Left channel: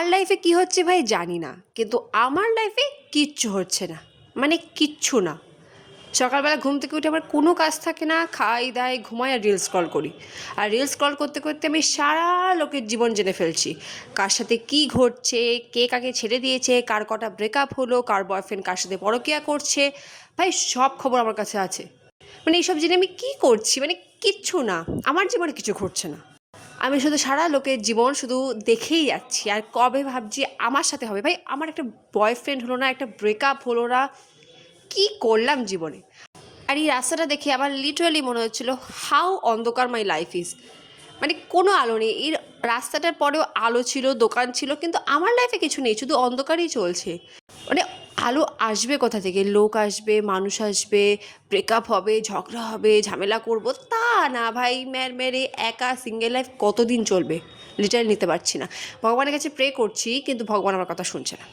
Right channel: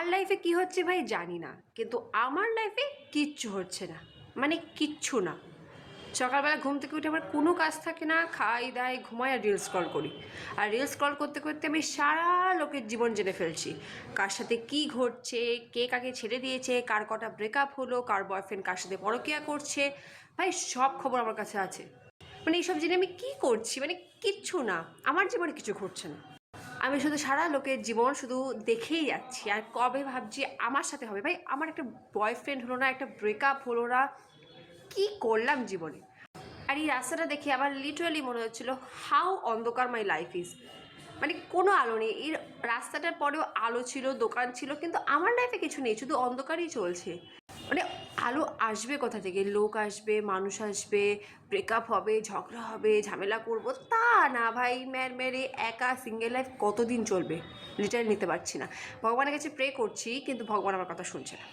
কার লাইফে কী হচ্ছে ভাই জানি না, কিন্তু আমার লাইফে কিচ্ছু হচ্ছে না, মানে কিচ্ছু না। সকালবেলা ঘুম থেকে উঠে আমার কোনো কাজ থাকে না, খাই দাই ঘুমাই আর রিলস স্ক্রল করি। আর রিলস স্ক্রল করতে করতে আমি সারা লোকের জীবন জেনে ফেলছি, কার সাথে কী ঘটছে, কে কাকে ছেড়ে দিয়েছে, কার কটা ব্রেকআপ হলো, কার বয়ফ্রেন্ড কার সাথে পরকীয়া করছে। ভাই সব খবর আমার কাছে আছে। মানে এইসব জেনে আমি কী করছি, মানে কিচ্ছু না, আমার জীবনে কিছু ঘটছে না। আমি শুধু সারা লোকের জীবন শুধু দেখেই যাচ্ছি, আর কবে ভাবছি আমার সাথে হবে। ভাই আমার একটা বয়ফ্রেন্ড হলো না, একটা ব্রেকআপ হলো না, কী করলাম জীবনে। আর এই রাস্তাটা দেখে আমার লিটারালি মনে হচ্ছিলো হাউ অন্ধকার মাই লাইফ ইজ। মানে কোনো আলো নেই, এই রাস্তাটার পরেও আলো ছিল, দোকান ছিল, কিন্তু আমার লাইফে কিছু নেই, শুধু অন্ধকারই চলছে। মানে আলো আসবে কোথা থেকে, লোক আসবে, মানুষ আসবে, ব্রেকআপ হবে, ঝগড়া হবে, ঝামেলা করব, তা না ভাই। মেরে একা সিঙ্গেল লাইফ কতদিন চলবে, লিটারালি নিতে পারছি না। ভগবানের কাছে প্রে করছি, কিন্তু ভগবান আমার কথা শুনছে না।